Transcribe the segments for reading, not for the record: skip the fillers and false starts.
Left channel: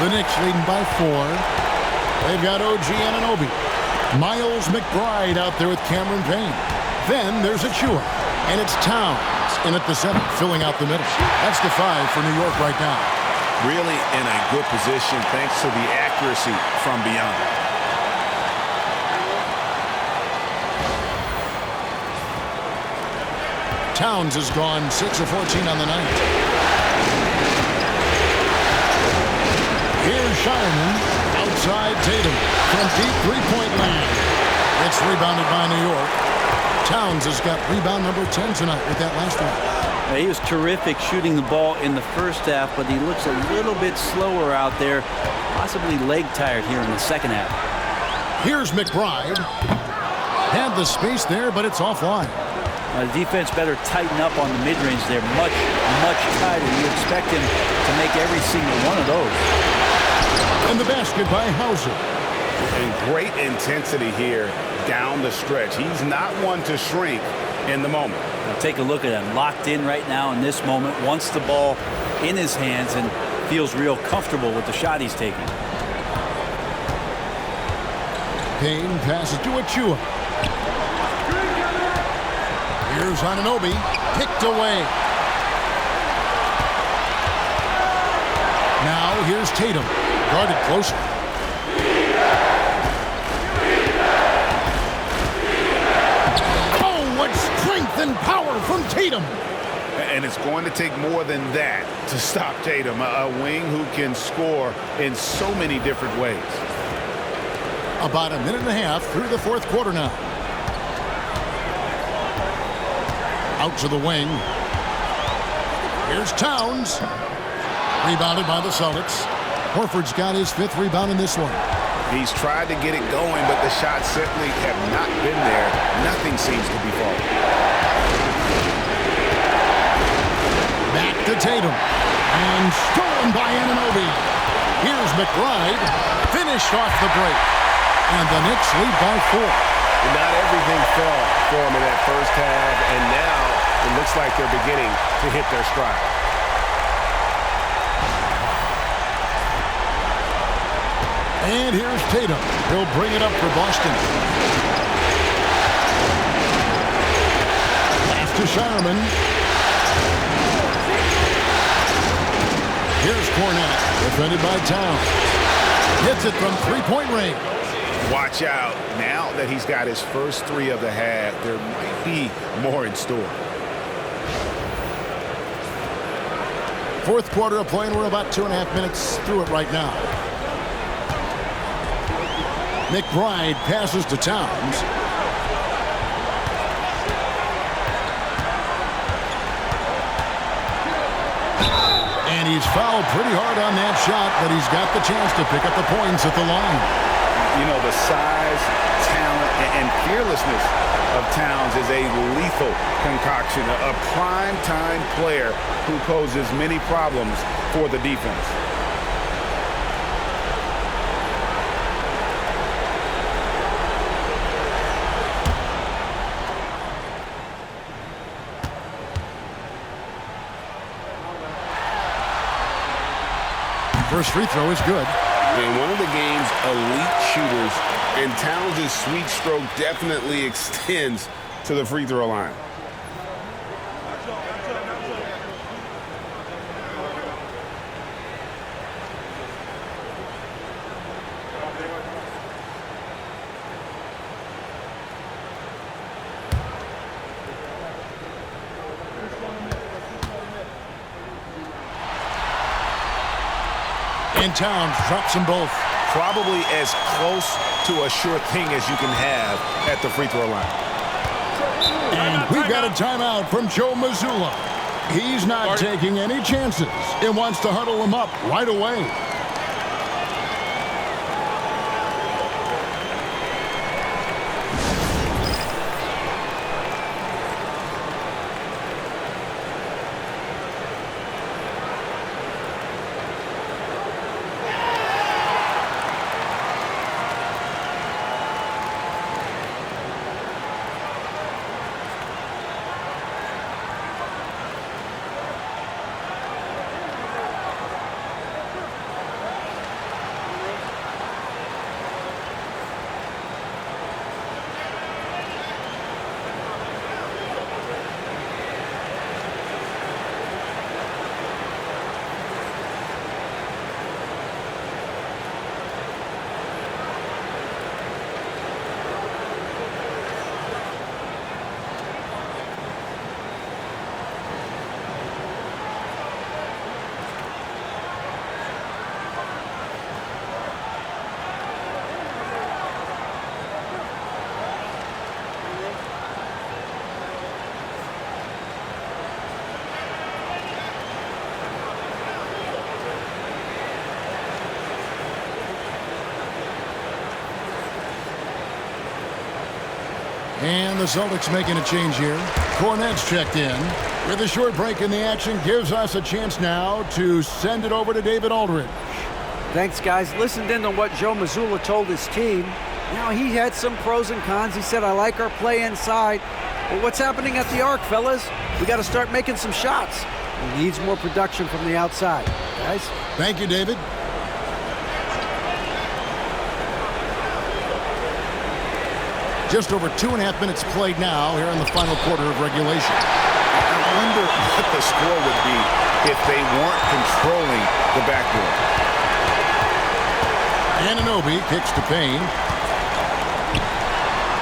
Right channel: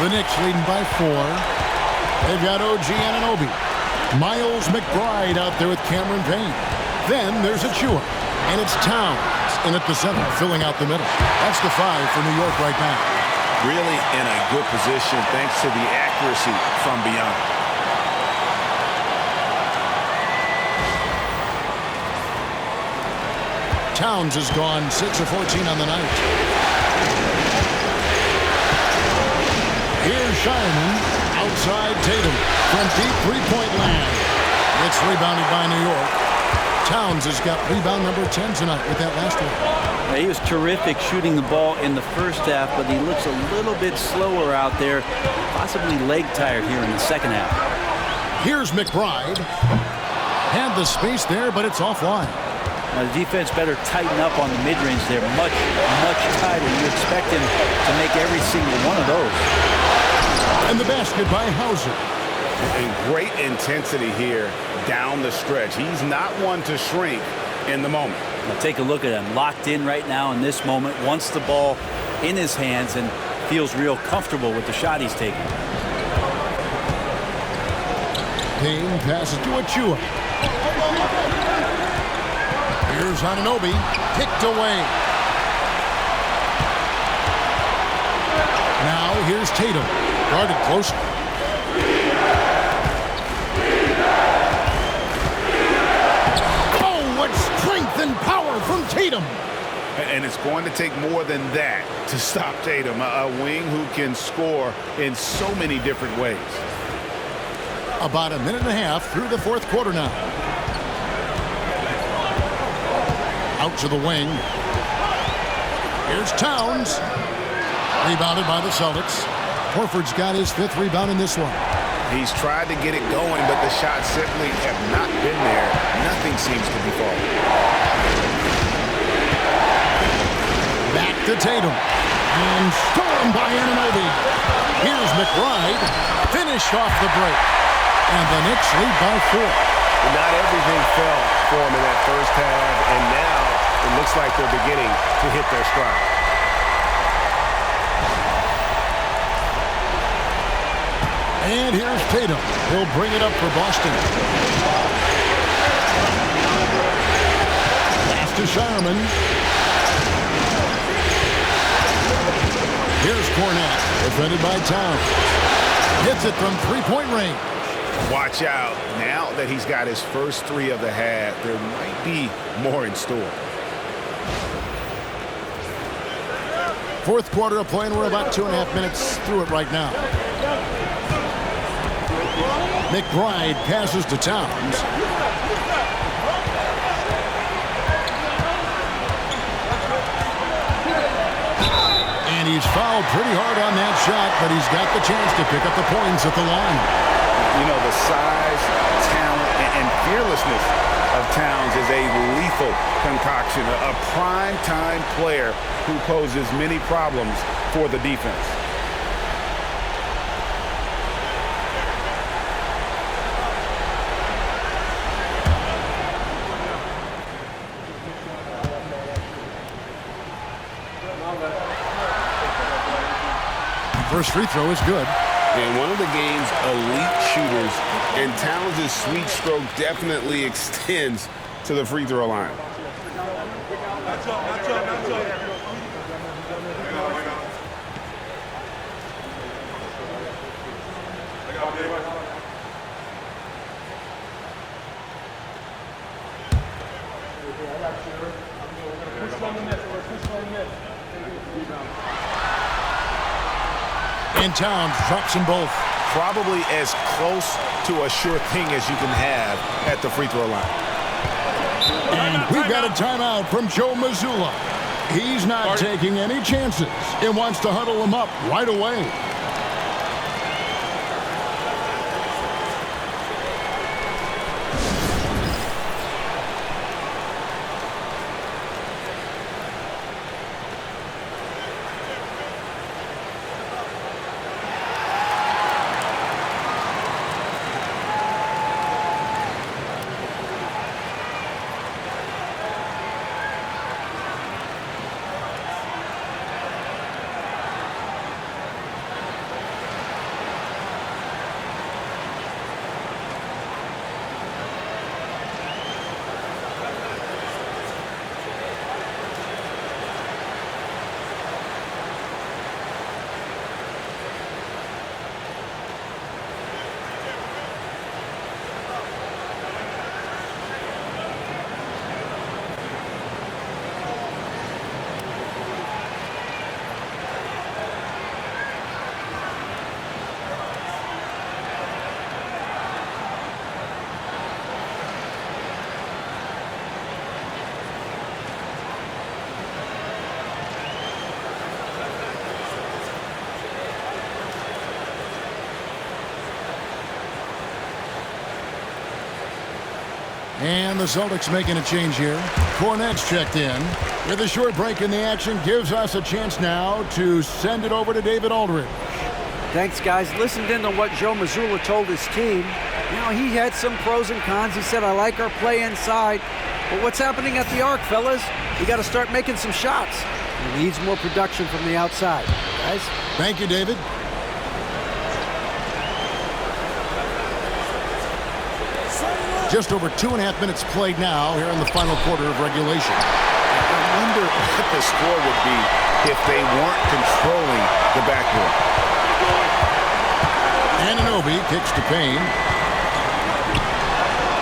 The Knicks leading by 4. They've got OG Anunoby. Miles McBride out there with Cameron Payne. Then there's Achua. And it's Towns in at the center, filling out the middle. That's the 5 for New York right now. Really in a good position thanks to the accuracy from beyond. Towns has gone 6 of 14 on the night. Here's Shireman. Outside Tatum. From deep three-point land. It's rebounded by New York. Towns has got rebound number 10 tonight with that last one. He was terrific shooting the ball in the first half, but he looks a little bit slower out there, possibly leg tired here in the second half. Here's McBride. Had the space there, but it's offline. Now, the defense better tighten up on the mid-range there. Much, much tighter. You expect him to make every single one of those. And the basket by Hauser. And great intensity here down the stretch. He's not one to shrink in the moment. Now take a look at him. Locked in right now in this moment. Wants the ball in his hands and feels real comfortable with the shot he's taking. Payne passes to Achua. Here's Anunoby. Picked away. Now here's Tatum. Guarded closely. Oh, what strength and power from Tatum. And it's going to take more than that to stop Tatum, a wing who can score in so many different ways. About a minute and a half through the fourth quarter now. Out to the wing. Here's Towns. Rebounded by the Celtics. Horford's got his 5th rebound in this one. He's tried to get it going, but the shots simply have not been there. Nothing seems to be falling. Back to Tatum. And stolen by Anunoby. Here's McBride. Finished off the break. And the Knicks lead by 4. Not everything fell for him in that first half, and now it looks like they're beginning to hit their stride. And here's Tatum. He'll bring it up for Boston. Pass to Shireman. Here's Cornette, defended by Towns. Hits it from three-point range. Watch out. Now that he's got his first 3 of the half, there might be more in store. Fourth quarter of play, and we're about 2.5 minutes through it right now. McBride passes to Towns. And he's fouled pretty hard on that shot, but he's got the chance to pick up the points at the line. You know, the size, talent, and fearlessness of Towns is a lethal concoction, a prime-time player who poses many problems for the defense. First free throw is good. And one of the game's elite shooters, and Towns' sweet stroke definitely extends to the free throw line. And Towns drops them both. Probably as close to a sure thing as you can have at the free throw line. And we've got a timeout from Joe Mazzulla. He's not taking any chances and wants to huddle them up right away. And the Celtics making a change here. Cornette's checked in. With a short break in the action, gives us a chance now to send it over to David Aldridge. Thanks, guys. Listened in on what Joe Mazzulla told his team. You know, he had some pros and cons. He said, I like our play inside. But what's happening at the arc, fellas? We got to start making some shots. He needs more production from the outside. Guys? Thank you, David. Just over 2.5 minutes played now here in the final quarter of regulation. I wonder what the score would be if they weren't controlling the backboard. Anunoby kicks to Payne.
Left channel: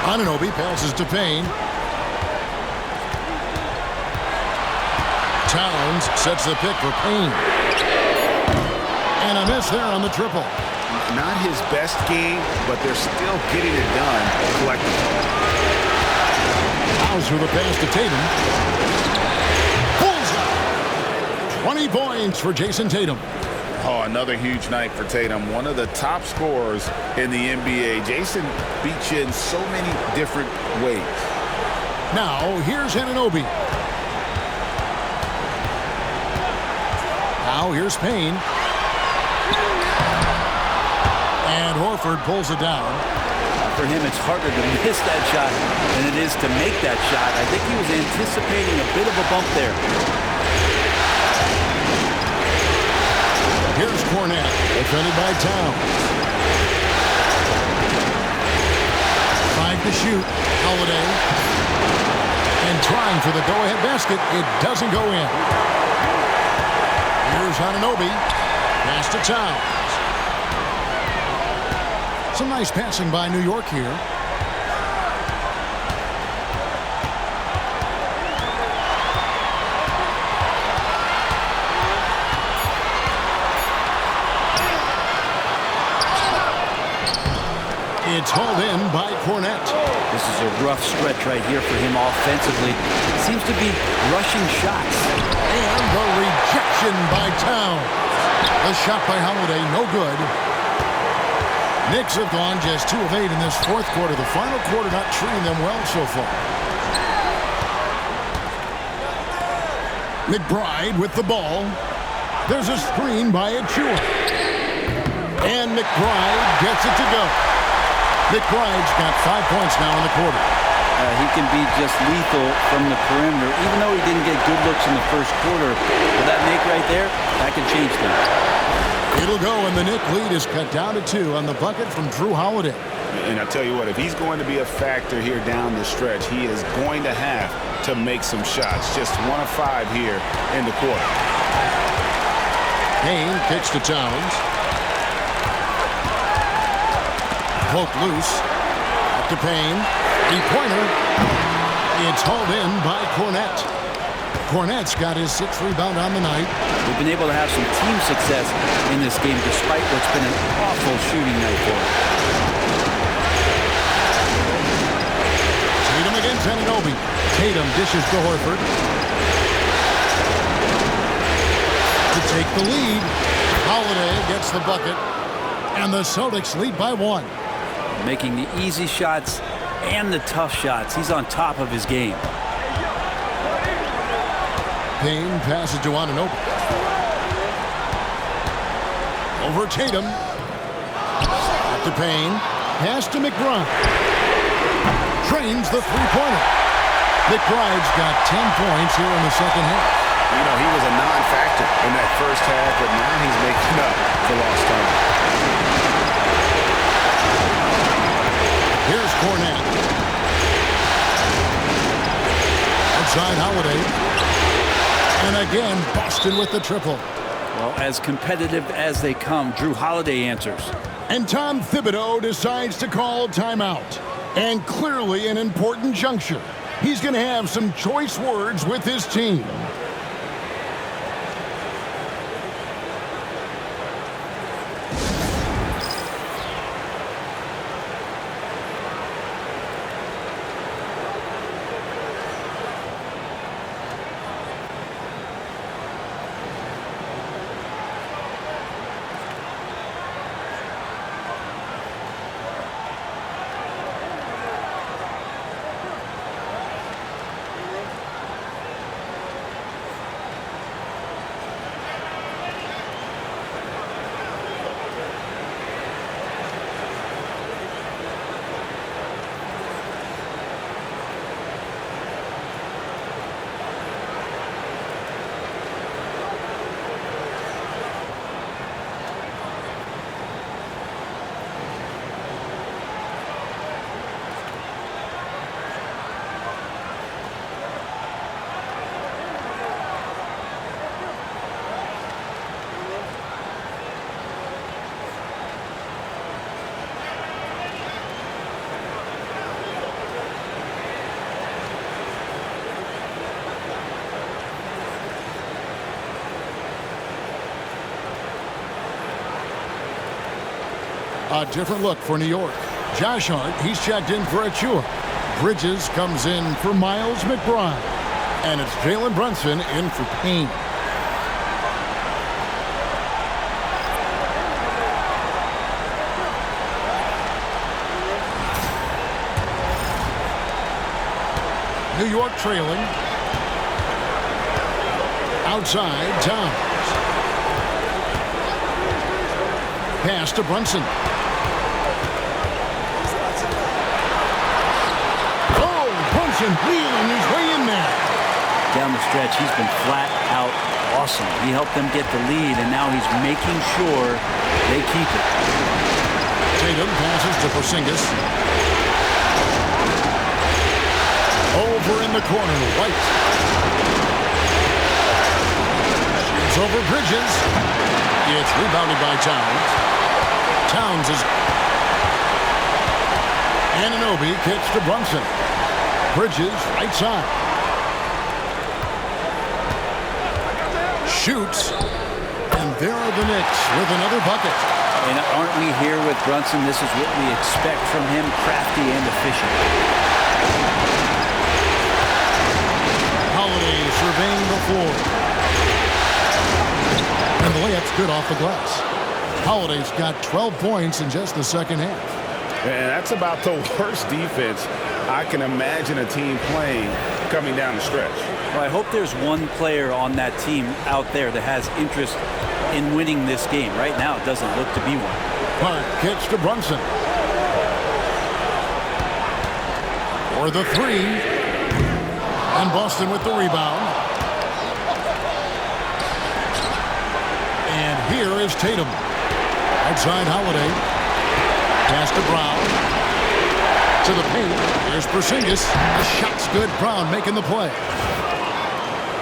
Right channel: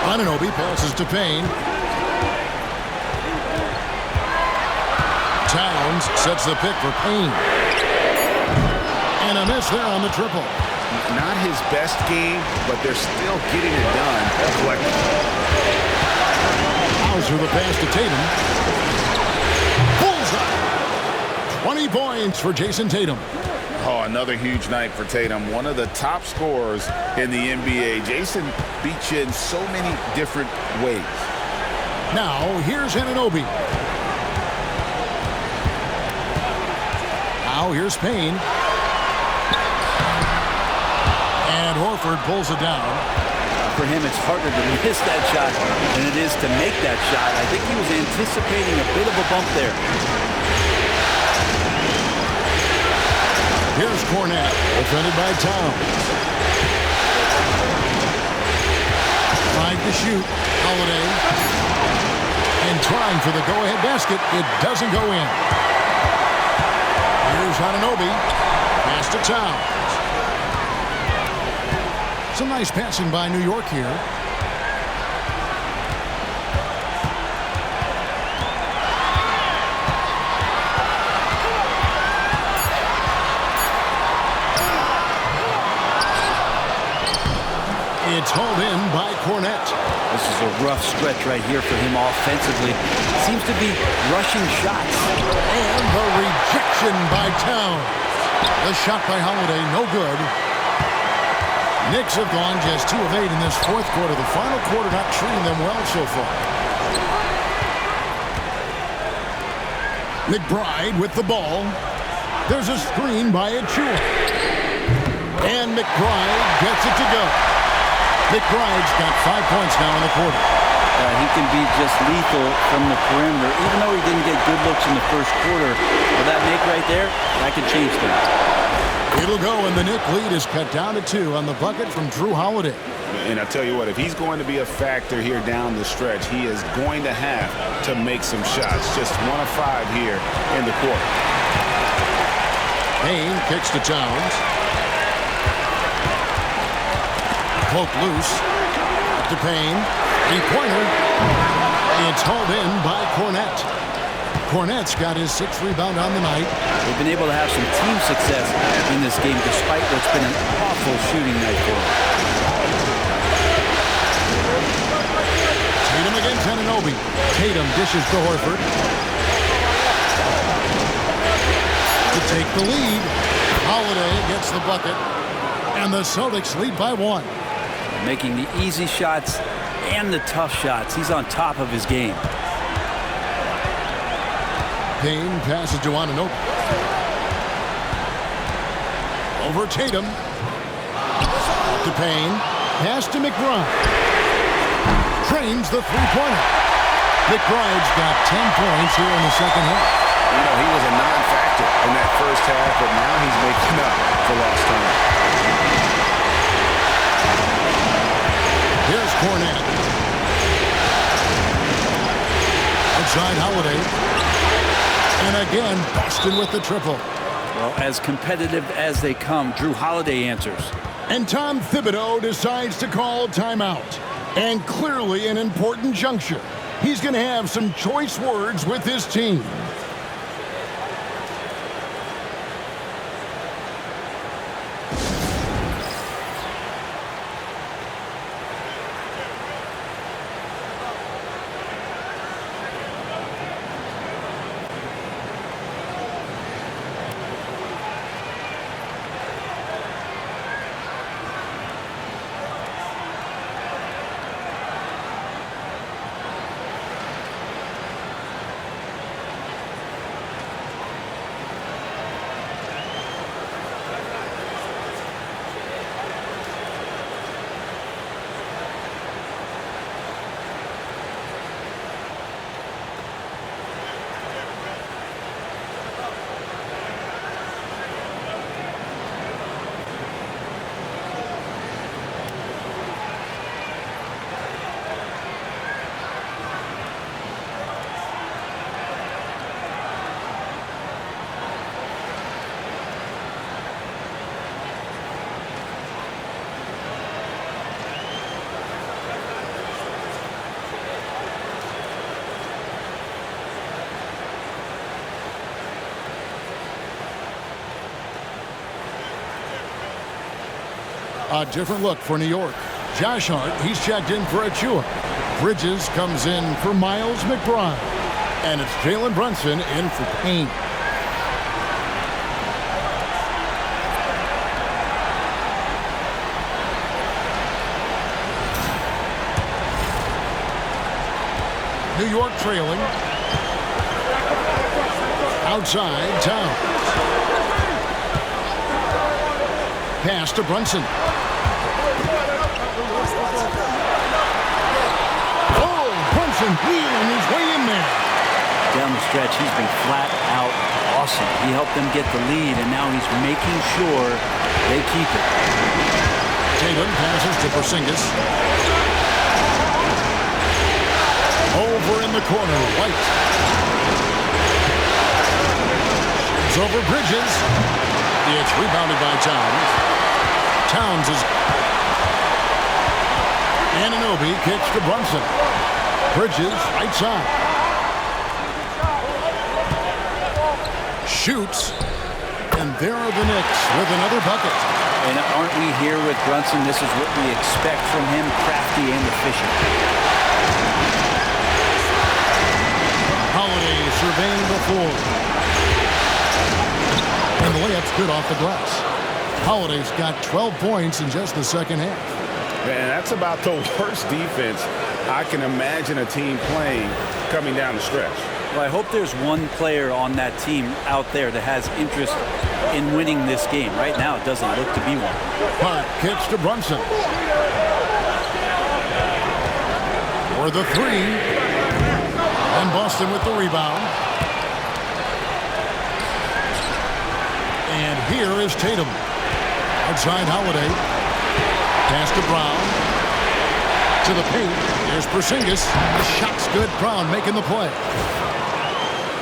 Anunoby passes to Payne. Towns sets the pick for Payne. And a miss there on the triple. Not his best game, but they're still getting it done collectively. Hauser the pass to Tatum. Bullseye. 20 points for Jason Tatum. Oh, another huge night for Tatum. One of the top scorers in the NBA. Jason beat you in so many different ways. Now, here's Anunoby. Now, here's Payne. And Horford pulls it down. For him, it's harder to miss that shot than it is to make that shot. I think he was anticipating a bit of a bump there. Here's Cornette, defended by Towns. 5 to shoot. Holiday. And trying for the go-ahead basket. It doesn't go in. Here's Anunoby. Pass to Towns. Some nice passing by New York here. It's hauled in by Cornette. This is a rough stretch right here for him offensively. Seems to be rushing shots. And the rejection by Towns. The shot by Holiday, no good. Knicks have gone just 2 of 8 in this fourth quarter. The final quarter not treating them well so far. McBride with the ball. There's a screen by Achua. And McBride gets it to go. McBride's got 5 points now in the quarter. He can be just lethal from the perimeter. Even though he didn't get good looks in the first quarter, with that make right there, that can change things. It'll go, and the Knick lead is cut down to 2 on the bucket from Drew Holiday. And I tell you what, if he's going to be a factor here down the stretch, he is going to have to make some shots. Just 1 of 5 here in the quarter. Payne kicks to Towns. Poke loose. Up to Payne. 3-pointer. It's hauled in by Cornette. Cornette's got his 6th rebound on the night. They've been able to have some team success in this game despite what's been an awful shooting night for them. Tatum against Anunoby. Tatum dishes to Horford. To take the lead. Holiday gets the bucket. And the Celtics lead by 1. Making the easy shots and the tough shots. He's on top of his game. Payne passes to Anunoby. Over Tatum. Up to Payne. Pass to McBride. Trains the 3-pointer. McBride's got 10 points here in the second half. You know, he was a non-factor in that first half, but now he's making up for lost time. Here's Cornette. Outside Holiday. And again, Boston with the triple. Well, as competitive as they come, Drew Holiday answers. And Tom Thibodeau decides to call timeout. And clearly an important juncture. He's going to have some choice words with his team. A different look for New York. Josh Hart, he's checked in for Achua. Bridges comes in for Miles McBride. And it's Jalen Brunson in for Payne. New York trailing. Outside, Towns. Pass to Brunson. Oh, Brunson wheeling his way in there. Down the stretch, he's been flat out awesome. He helped them get the lead, and now he's making sure they keep it. Tatum passes to Porzingis. Over in the corner, White. Shoots over Bridges. It's rebounded by Towns. Towns is... Anunoby kicks to Brunson. Bridges, right side. Shoots. And there are the Knicks with another bucket. And aren't we here with Brunson? This is what we expect from him, crafty and efficient. Holiday surveying the floor. And the layup's good off the glass. Holiday's got 12 points in just the second half. And that's about the worst defense I can imagine a team playing coming down the stretch. Well, I hope there's one player on that team out there that has interest in winning this game. Right now, it doesn't look to be one. Hart kicks to Brunson. For the three. And Boston with the rebound. And here is Tatum. Outside Holiday. Pass to Brown. To the paint. Here's Porzingis. The shot's good. Brown making the play.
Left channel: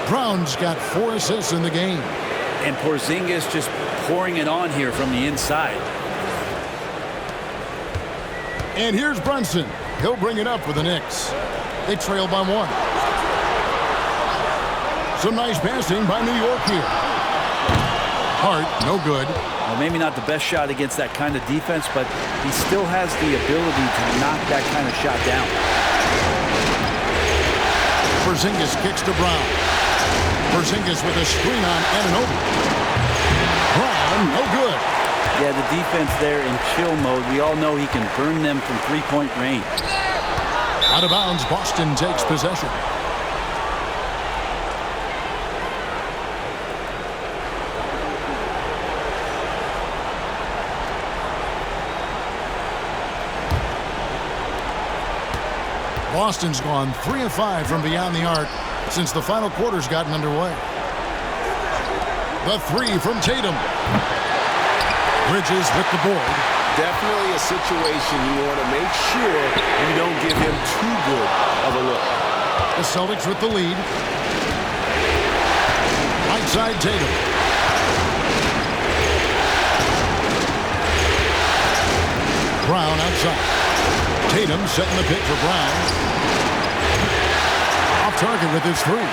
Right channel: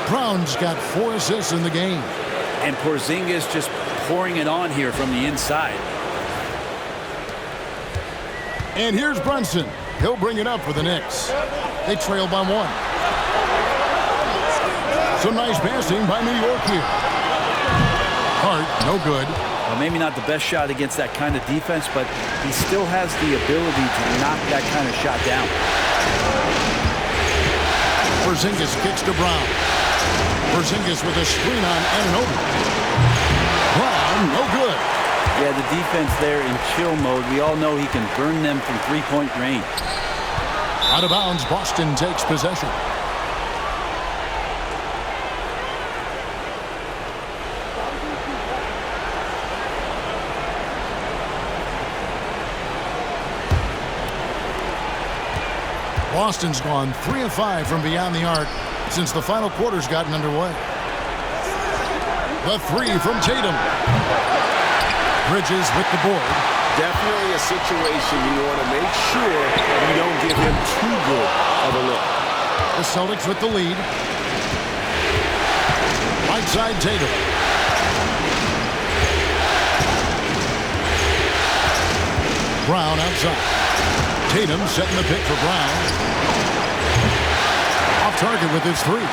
Brown's got 4 assists in the game. And Porzingis just pouring it on here from the inside. And here's Brunson. He'll bring it up for the Knicks. They trail by 1. Some nice passing by New York here. Hart, no good. Well, maybe not the best shot against that kind of defense, but he still has the ability to knock that kind of shot down. Porzingis kicks to Brown. Porzingis with a screen on Anunoby. Brown, no good. Yeah, the defense there in chill mode. We all know he can burn them from three-point range. Out of bounds, Boston takes possession. Boston's gone 3 of 5 from beyond the arc since the final quarter's gotten underway. The three from Tatum. Bridges with the board. Definitely a situation you want to make sure you don't give him too good of a look. The Celtics with the lead. Right side Tatum. Brown outside. Tatum setting the pick for Brown. Off target with his three.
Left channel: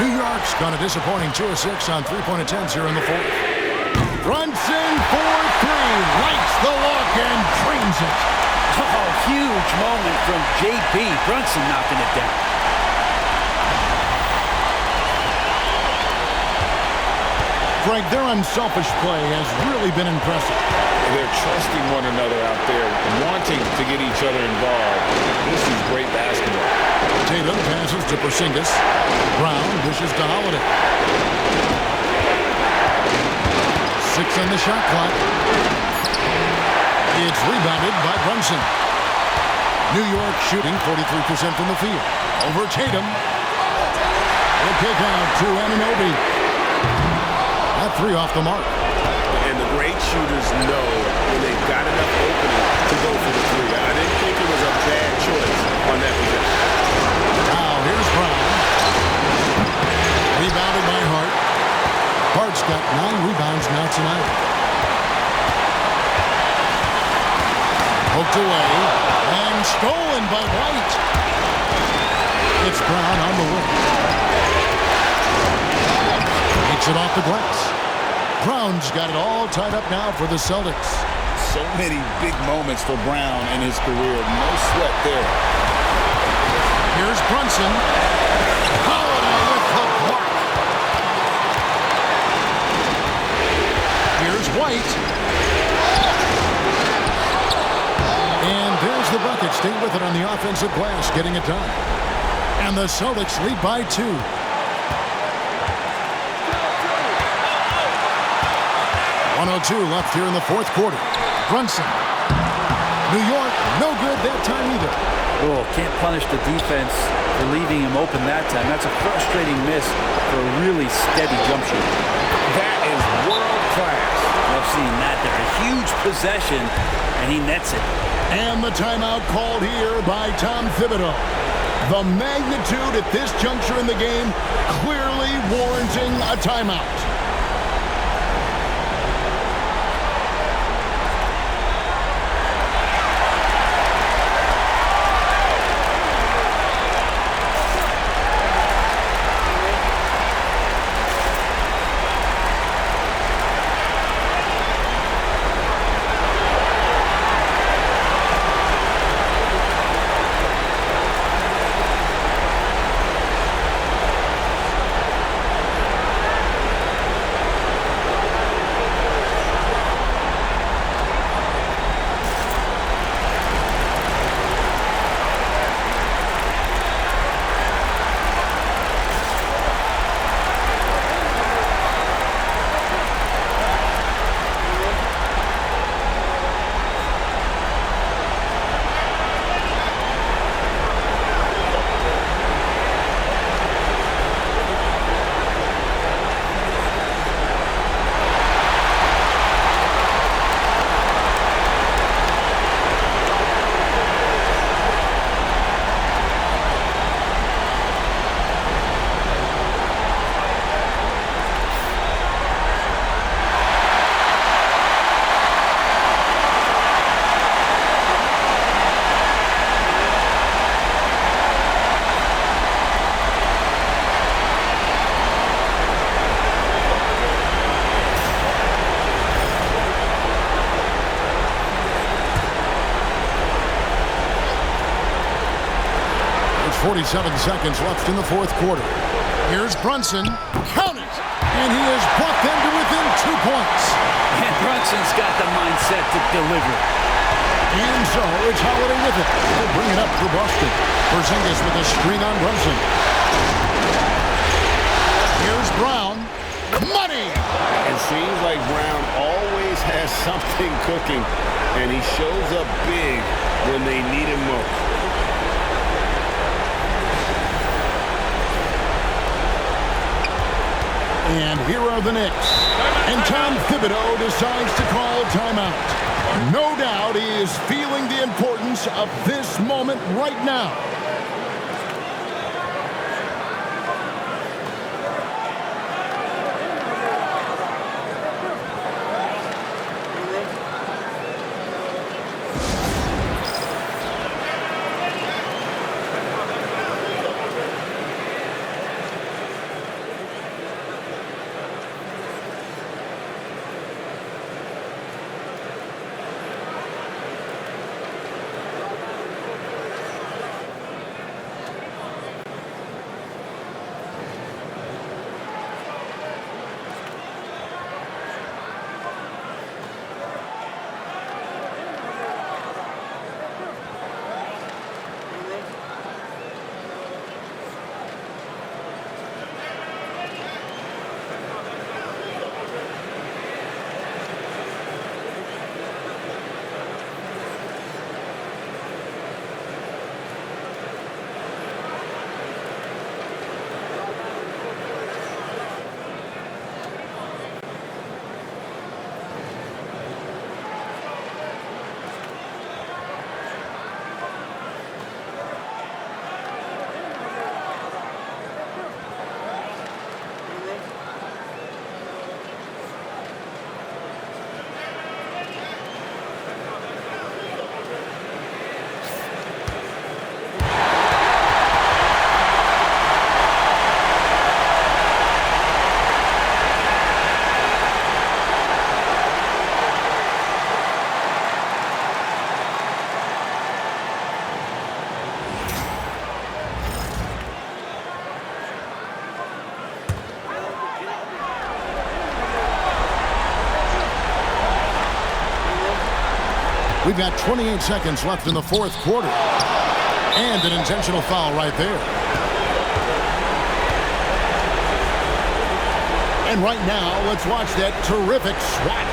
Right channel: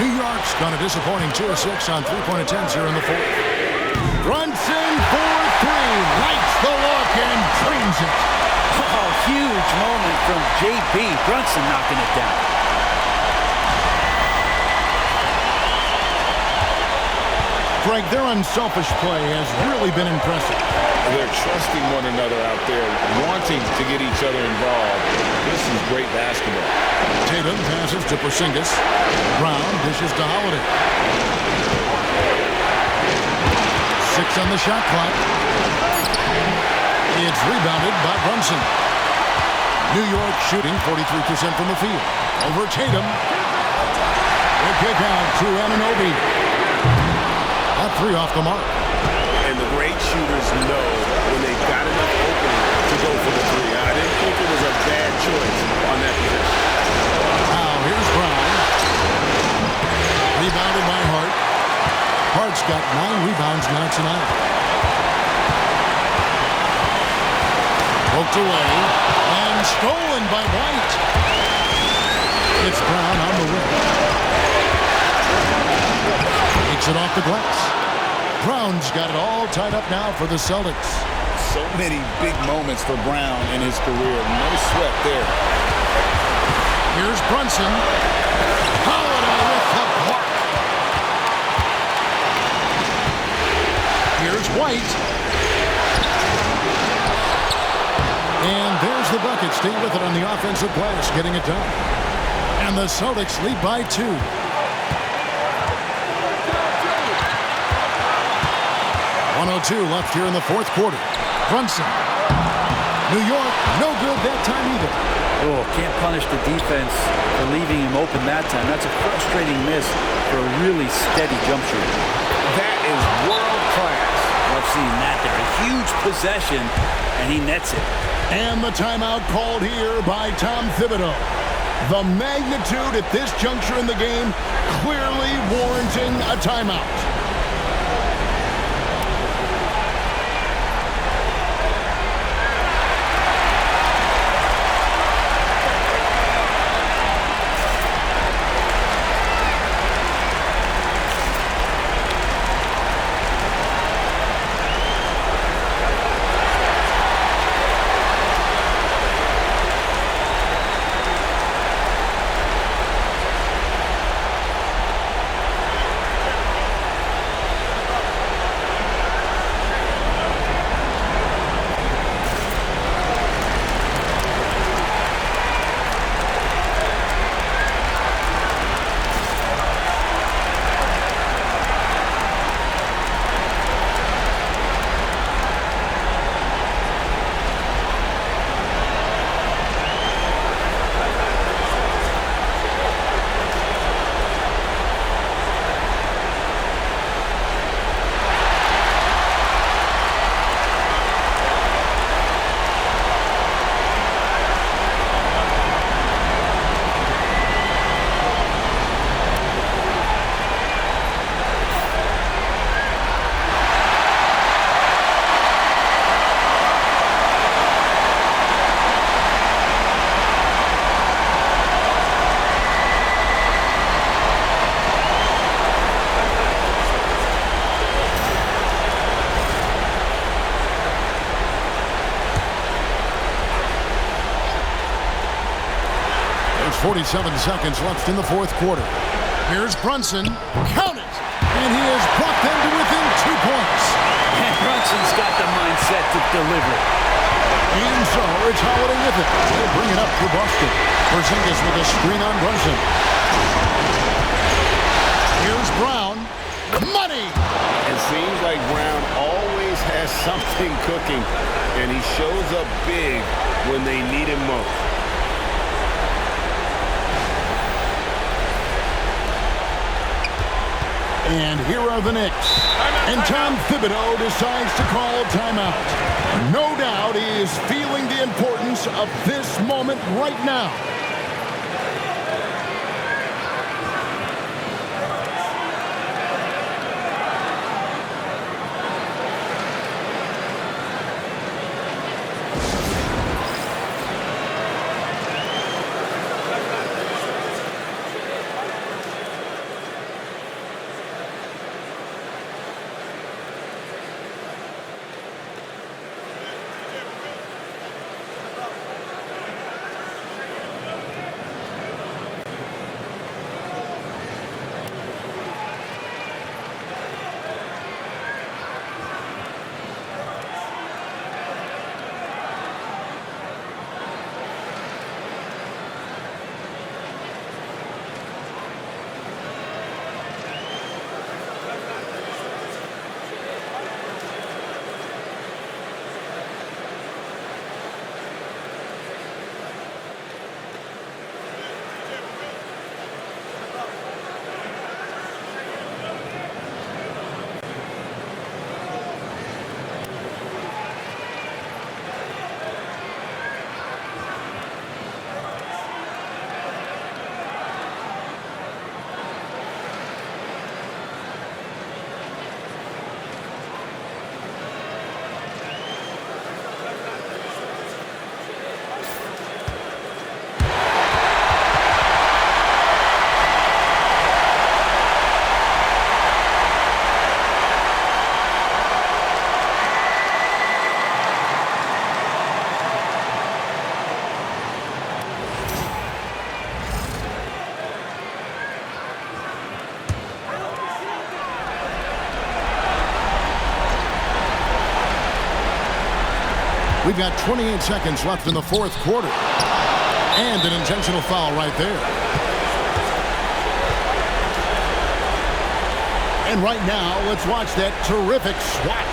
New York's gone a disappointing 2 of 6 on three-point attempts here in the fourth. Brunson for 3. Lights the look and drains it. Oh, huge moment from JB. Brunson knocking it down. Greg, their unselfish play has really been impressive. They're trusting one another out there, wanting to get each other involved. This is great basketball. Tatum passes to Porzingis. Brown dishes to Holiday. 6 on the shot clock. It's rebounded by Brunson. New York shooting 43% from the field. Over Tatum. The kick out to Anunoby. That three off the mark. And the great shooters know when they've got enough opening to go for the three. I didn't think it was a bad choice on that possession. Now here's Brown. Rebounded by Hart. Hart's got 9 rebounds now tonight. Poked away and stolen by White. It's Brown on the wing. Takes it off the glass. Brown's got it all tied up now for the Celtics. So many big moments for Brown in his career. No sweat there. Here's Brunson. Holiday with the block. Here's White. And there's the bucket. Stay with it on the offensive glass, getting it done. And the Celtics lead by 2. 1:02 left here in the fourth quarter. Brunson. New York, no good that time either. Oh, can't punish the defense for leaving him open that time. That's a frustrating miss for a really steady jump shooter. That is world class. Love seeing that there. A huge possession, and he nets it. And the timeout called here by Tom Thibodeau. The magnitude at this juncture in the game clearly warranting a timeout. There's 47 seconds left in the fourth quarter. Here's Brunson. Count it! And he has brought them to within 2 points. And Brunson's got the mindset to deliver. And so it's Holiday with it. They'll bring it up for Boston. Porzingis with a screen on Brunson. Here's Brown. Money! It seems like Brown always has something cooking, and he shows up big when they need him most. And here are the Knicks. And Tom Thibodeau decides to call timeout. No doubt he is feeling the importance of this moment right now. We've got 28 seconds left in the fourth quarter. And an intentional foul right there. And right now, let's watch that terrific swat.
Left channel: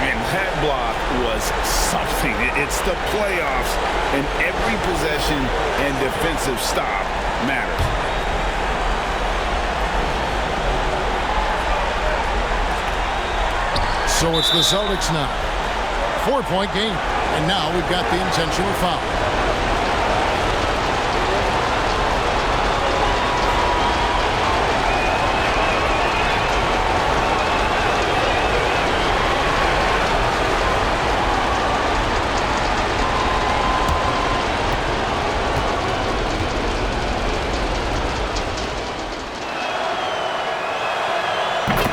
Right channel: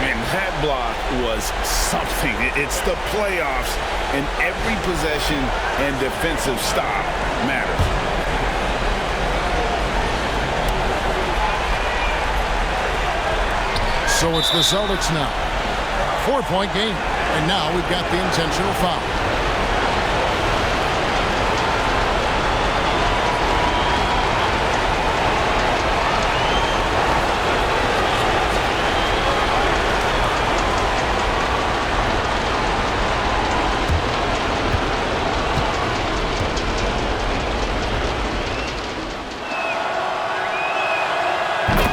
And that block was something. It's the playoffs, and every possession and defensive stop matters. So it's the Celtics now. 4-point game. And now we've got the intentional foul.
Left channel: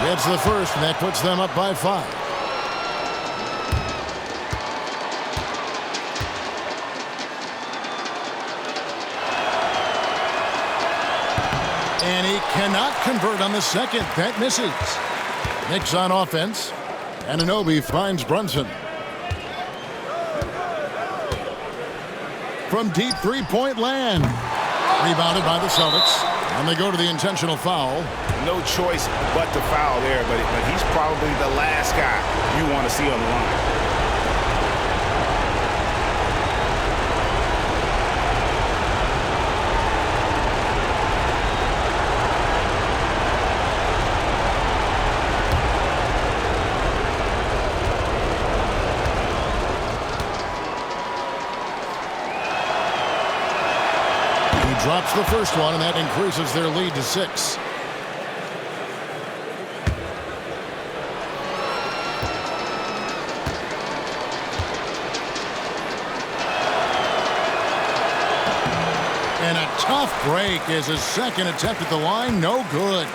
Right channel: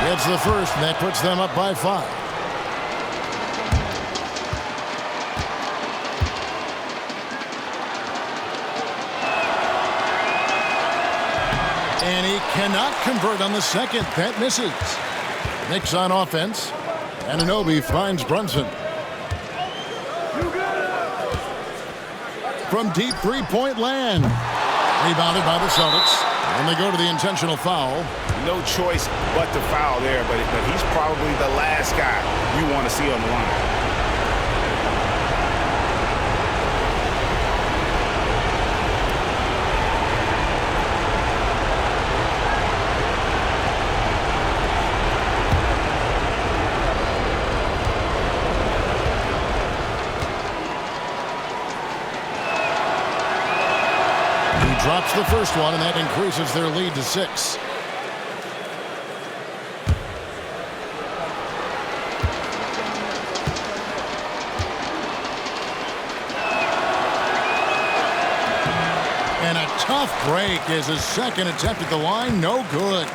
It's the first, and that puts them up by 5. And he cannot convert on the second. That misses. Knicks on offense. Anunoby finds Brunson. From deep three-point land. Rebounded by the Celtics. And they go to the intentional foul. No choice but to foul there, but he's probably the last guy you want to see on the line. He drops the first one, and that increases their lead to 6. And a tough break is his second attempt at the line. No good.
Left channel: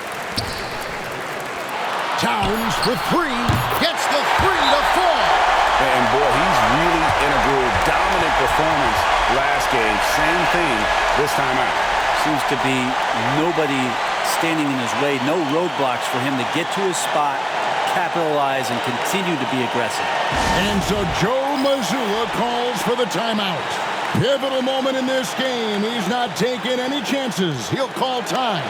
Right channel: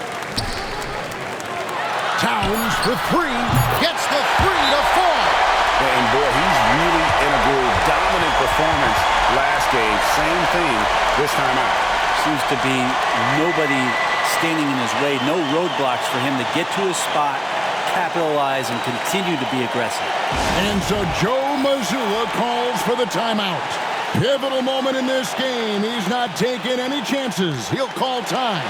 Towns for 3. Gets the 3 to fall. And boy, he's really in a groove. Dominant performance last game. Same thing this time out. Seems to be nobody standing in his way. No roadblocks for him to get to his spot, capitalize, and continue to be aggressive. And so Joe Mazzulla calls for the timeout. Pivotal moment in this game. He's not taking any chances. He'll call time.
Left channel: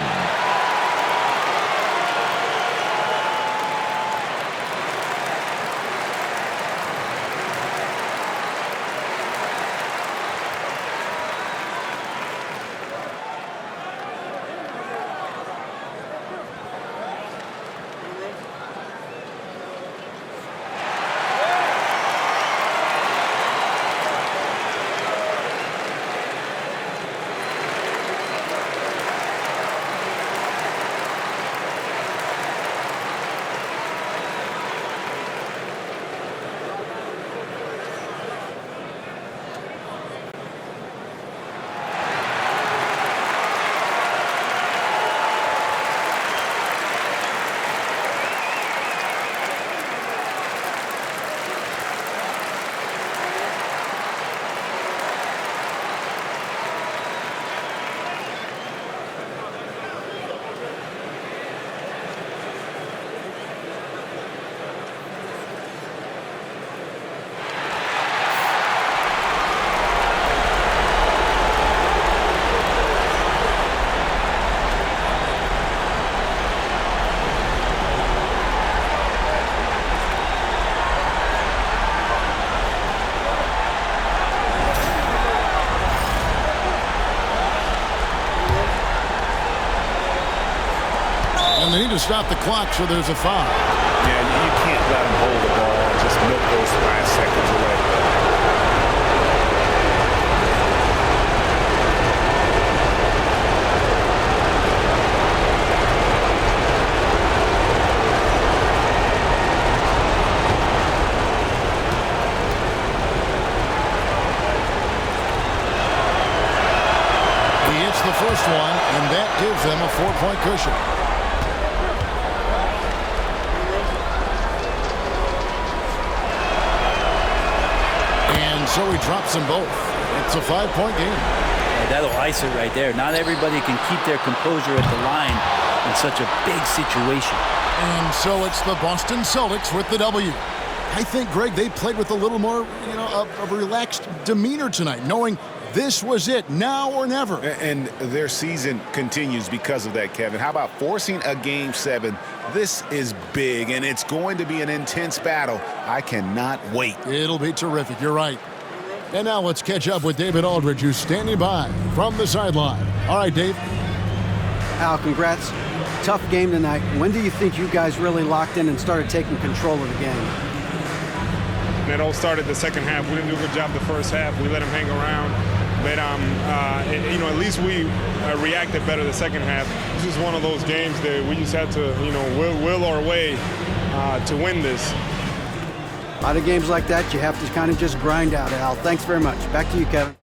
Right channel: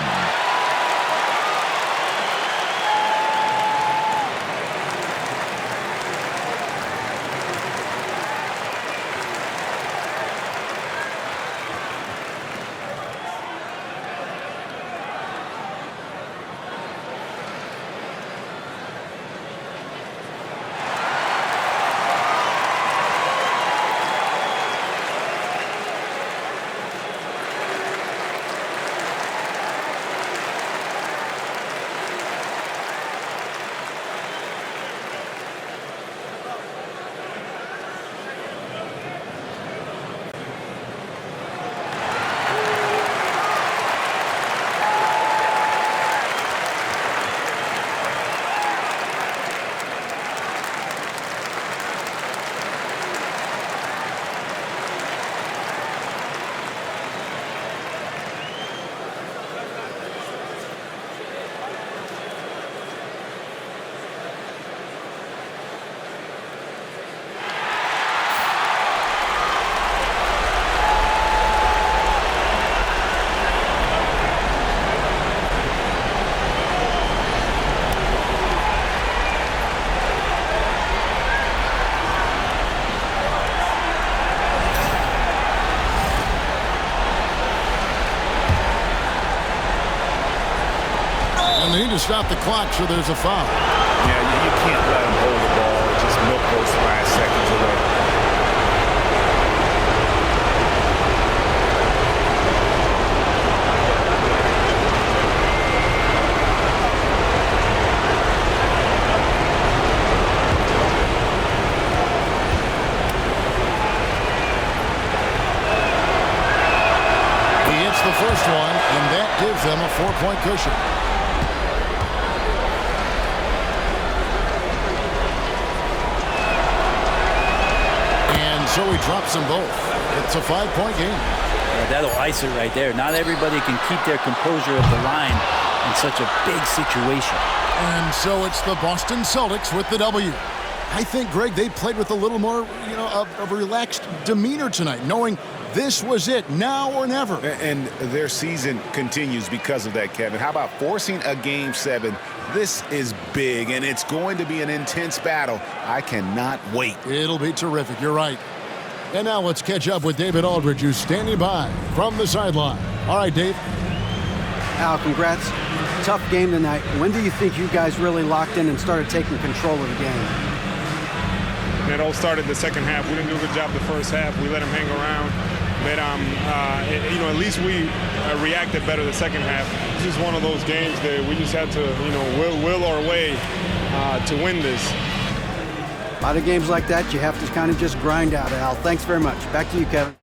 And they need to stop the clock, so there's a foul. Yeah, you can't let him hold the ball and just milk those last seconds away. He hits the first one, and that gives them a 4-point cushion. And so he drops them both. It's a 5-point game. Yeah, that'll ice it right there. Not everybody can keep their composure at the line in such a big situation. And so it's the Boston Celtics with the W. I think, Greg, they played with a little more, of a relaxed demeanor tonight, knowing this was it, now or never. And their season continues because of that, Kevin. How about forcing a Game 7? This is big, and it's going to be an intense battle. I cannot wait. It'll be terrific. You're right. And now let's catch up with David Aldridge, who's standing by from the sideline. All right, Dave. Al, congrats. Tough game tonight. When do you think you guys really locked in and started taking control of the game? And it all started the second half. We didn't do a good job the first half. We let them hang around. But, at least we reacted better the second half. This is one of those games that we just had to, will our way to win this. A lot of games like that you have to kind of just grind out, Al. Thanks very much. Back to you, Kevin.